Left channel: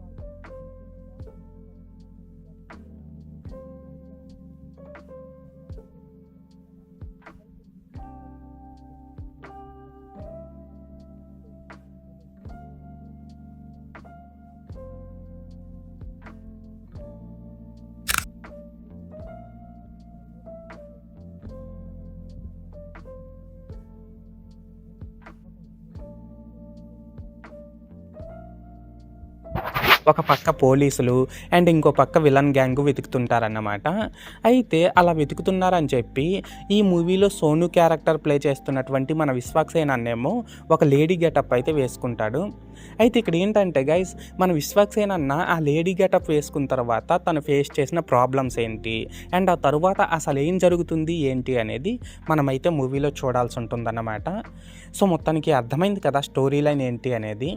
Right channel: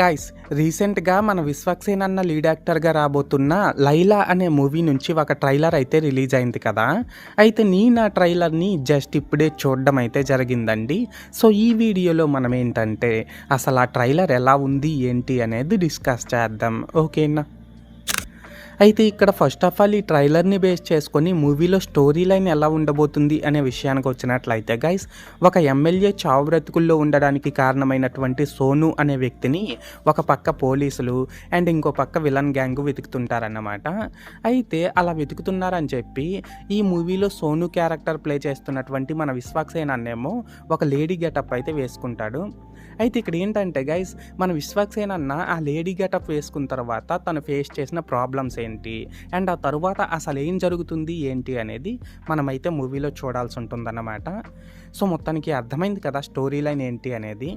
Guys రీసెంట్‌గా మన 'విశ్వక్సేన్' అన్న లీడ్ యాక్టర్‌గా రాబోతున్న 'లైలా' అనే మూవీ నుంచి ఒక ట్రైలర్ అయితే రిలీజ్ అయింది కదా! అయితే నేను ఆ ట్రైలర్‌ని జస్ట్ ఇప్పుడే చూడడం అయితే జరిగిందండి. సో, ఈ వీడియోలో మనం ఏంటంటే అసలు ఆ ట్రైలర్ ఎలా ఉంది, ఏంటి అనేది డిస్కస్ చేద్దాం. ఓకేనా? అయితే ఇక్కడ ఫస్ట్ ఆఫ్ ఆల్ ఈ ట్రైలర్‌ని బేస్ చేసుకొని మూవీలో స్టోరీ లైన్ ఎలా ఉండబోతుంది అనే విషయానికి వచ్చినట్లయితే గైస్, ఒక ఎమ్మెల్యే చావు బ్రతుకుల్లో ఉండడానికి కారణమైనటువంటి సోను అనే వ్యక్తిని ఒక పక్క పోలీసులు అండ్ ఇంకో పక్క విలన్ గ్యాంగ్ వెతుకుతుంటారన్నమాట. అయితే అలా వెతుకుతున్నారని చెప్పి ఈ మూవీలో సోను క్యారెక్టర్ ప్లే చేస్తున్నటువంటి మన విశ్వక్సేన్ అన్నేమో ఒక లేడీ గెటప్ అయితే వేసుకుంటాడు. అయితే ఇక్కడ ఏంటంటే గైస్, మన విశ్వక్సేన్ అన్న ఆ లేడీ గెటప్ వేసుకున్న తర్వాత తను ఫేస్ చేసిన ప్రాబ్లమ్స్ ఏంటి అండ్ ఆ తరువాత అసలు ఏం జరుగుతుంది ఏంటి అనేది మనమైతే మూవీలో చూడాల్సి ఉంటుందన్నమాట. సో మొత్తానికి అర్థమైంది కదా స్టోరీ లైన్ ఏంటి అనేది.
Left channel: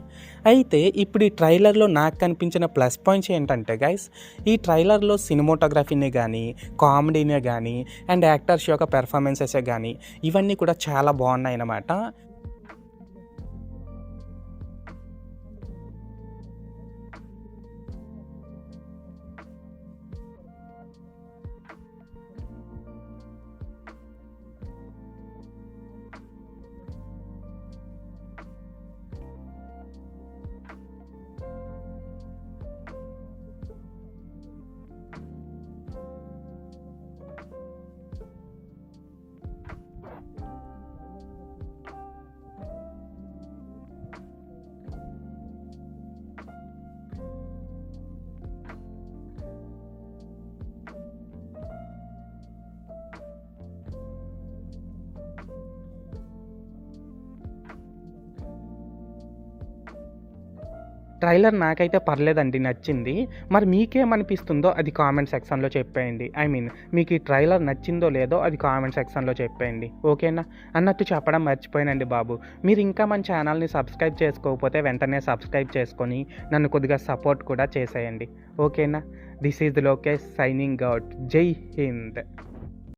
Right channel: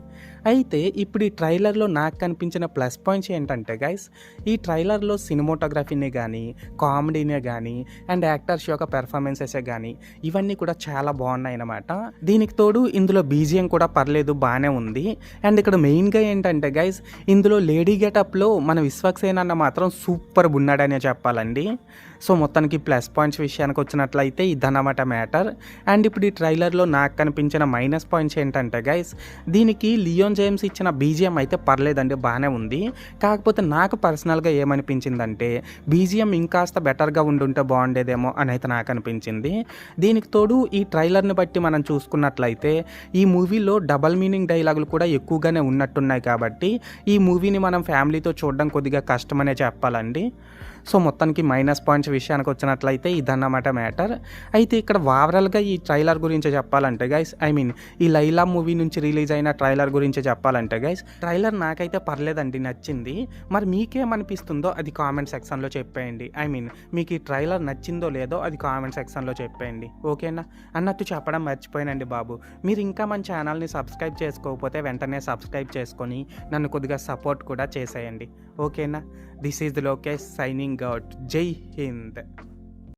అయితే ఇప్పుడు ఈ ట్రైలర్లో నాకు కనిపించిన ప్లస్ పాయింట్స్ ఏంటంటే గైస్, ఈ ట్రైలర్లో సినిమోటోగ్రఫీని కానీ, కామెడీనే కానీ అండ్ యాక్టర్స్ యొక్క పెర్ఫార్మెన్సెసే కానీ ఇవన్నీ కూడా చాలా బాగున్నాయి అన్నమాట. దీనికి తోడు ఇందులో బీజిఎం కూడా పర్లేదు, బాగానే ఉంది. అండ్ ఇక్కడ మెయిన్గా ఏంటంటే గైస్, ఇందులో లేడీ గెటప్లో మన విశ్వక్సేన్ అన్న మాత్రం సూపర్ ఉన్నాడనే చెప్పాలండి. సో మొత్తానికి ప్లస్ పాయింట్స్ విషయానికి వచ్చినట్లయితే ఇదన్నమాట మ్యాటర్. అండ్ ఇప్పుడు ఈ ట్రైలర్లో నాకు కనిపించిన మైనస్ పాయింట్స్ ఏంటంటే గైస్, దీనికి లియోన్ జేమ్స్ ఇచ్చిన బీజిఎం అయితే పర్లేదండి, బాగానే ఉంది. కాకపోతే నాకు పర్సనల్గా ఏమనిపించిందంటే బీజిఎం ఇంకాస్త బెటర్గా ఉండుంటే బాగుండేదేమో అని అయితే నాకు అనిపించింది. దీనికి తోడు ఈ ట్రైలర్ని బట్టి మనం చూసుకున్నట్లయితే ఈ మూవీలో డబల్ మీనింగ్ డైలాగులు కూడా ఎక్కువగానే ఉన్నట్టున్నాయి కాబట్టి ఈ మూవీని మనం ఫ్యామిలీతో చూడడం కొద్దిగా కష్టమనే చెప్పాలండి. సో మొత్తానికి మైనస్ పాయింట్స్ విషయానికి వచ్చినట్లయితే ఇదన్నమాట మ్యాటర్. అయితే ఇక్కడ ఓవరాల్గా ఈ ట్రైలర్ గురించి చెప్పాలంటే గైస్, ఈ లైలా మూవీ నుంచి రిలీజ్ అయిన ట్రైలర్ గురించి చెప్పాలంటే గైస్, ట్రైలర్ నాకైతే పర్లేదండి, నచ్చింది. మరి మీకేమనిపిస్తుందో అది కామెంట్ సెక్షన్లో చెప్పేయండి. మీకు ఈ ట్రైలర్ నచ్చిందో లేదో అది కామెంట్ సెక్షన్లో చెప్పేయండి. ఓకేనా? అన్నట్టు చెప్పడం మర్చిపోయానండి బాబు, మీరు ఇంకా మన ఛానల్ని సబ్స్క్రైబ్ చేసుకోకపోతే వెంటనే సబ్స్క్రైబ్ చేసుకొని నన్ను కొద్దిగా సపోర్ట్ కూడా చేసేయండి. ఓకేనా? This is Lokesh signing out. జై హింద్.